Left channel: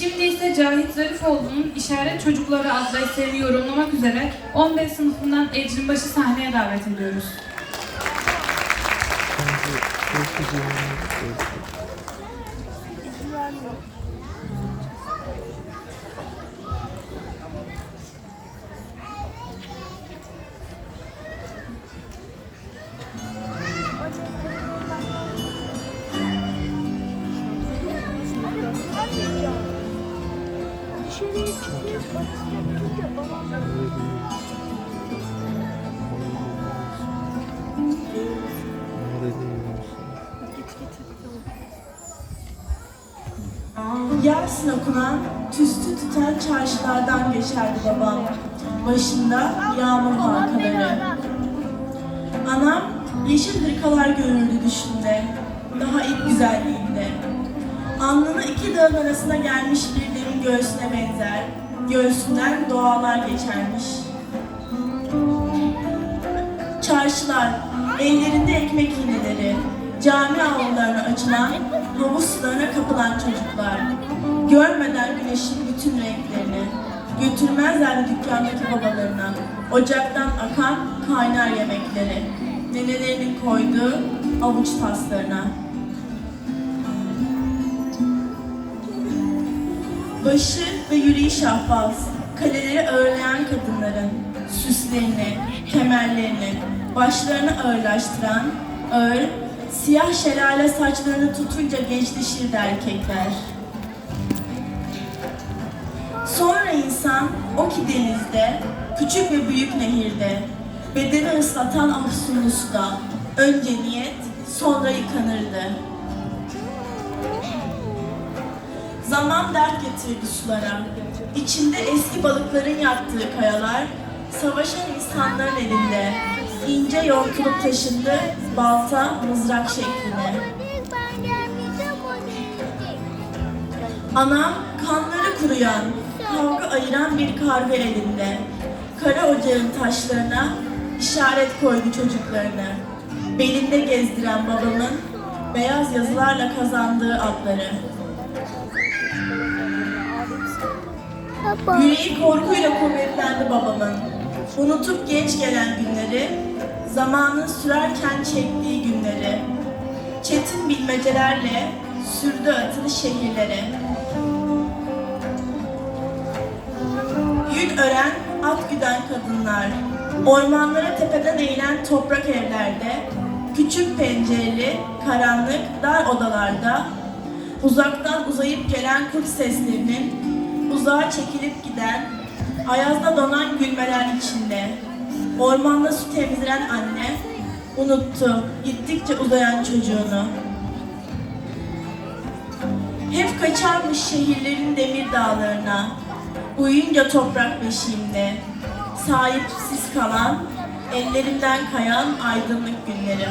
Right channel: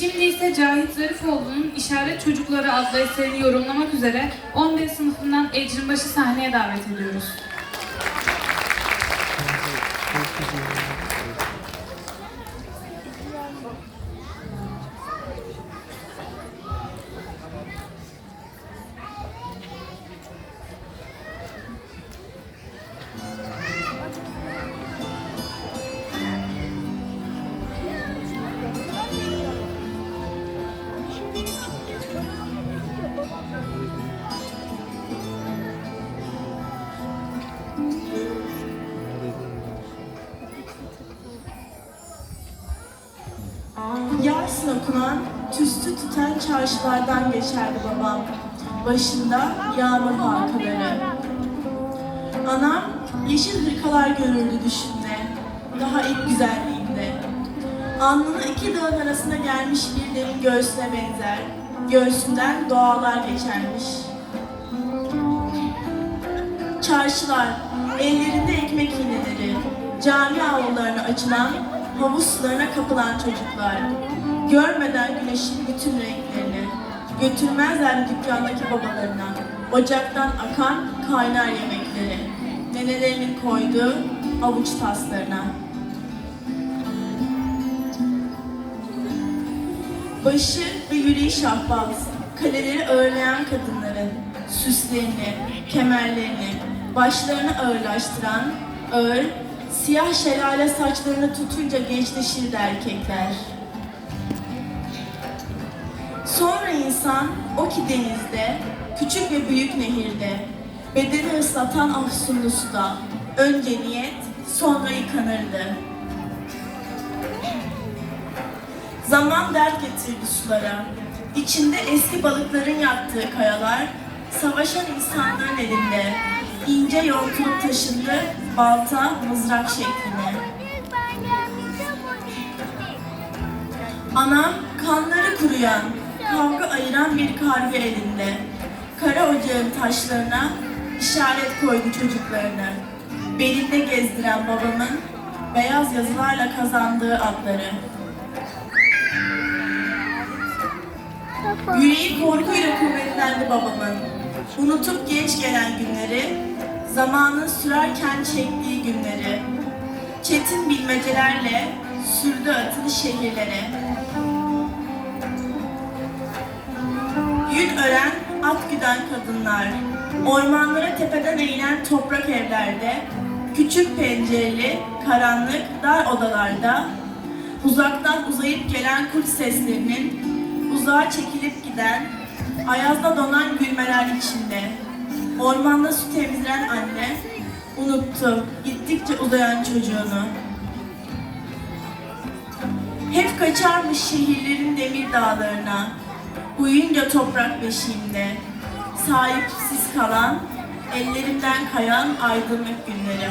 Şimdi ise Cahit Zarifoğlu'nun İşaret Çocukları adlı eserini yorumlamak üzere 15 sınıfından Ecrinbaşı sahneye davet ediyoruz. Yasin okunan, tüstü tüten çarşılardan geçerdi babam. Başında yağmur halkaları. Anam yeşil hırkalar görürdü düşümde, daha ilk güzelliğinde. Alnını iki dağın arasına gelmiş bir derin göğsüne benzer, göğsünden doğalar geçermiş. Çarşılar, ellerinde ekmek iğneleri, cami avlularına açılan, havuz sularına kapılan çocuklar. Görmeden güneşin bütün renklerini, götürmezler dükkandaki babalarına, ocaktan akan kaynar yemekleri, nenelerinin koyduğu avuç taslarına. Başı ve yüreği şahbaz, kaleleri ağırlayan kadınların süslerini, kemerlerini, başlarını ağırlaştıran, ağır, siyah şelale saçlarını tutunca gençleşirdi erkekler. Sonra insan o ki denizde, küçük ve büyük nehirde, bedeni ıslatan afsunlu suda, önce niyet, sonra yıkanırdı. Zaman dert getirdi sulara. İçinde eski balıkların yattığı kayalar, savaşan insanların elinde. İnce yontulup taşındı balta, mızrak şeklinde. Anam kanları kuruyan, kavga ayıran bir karga elinde. Kara ocağın taşlarına işaret koydu çocuklarını. Belinde gezdiren babamın beyaz yazılarla kazandığı adları. Yüreği korkuyla kuvvetlendi babamın. Unutup geç gelen günleri, zamanın sürerken çektiği günleri. Çetin bilmecelerle sürdü atını şehirlere. Yün ören, at güden kadınlar, ormanlara tepeden eğilen toprak evlerde, küçük pencereli, karanlık, dar odalarda, uzaktan uzayıp gelen kurt seslerinin, uzağa çekilip giden, ayazda donan gülmeler içinde, ormanda su temizleyen anne, unuttu gittikçe uzayan çocuğunu. Hep kaçarmış şehirlerin demir dağlarına, uyuyunca toprak beşiğimde, sahipsiz kalan, ellerimden kayan aydınlık günleri.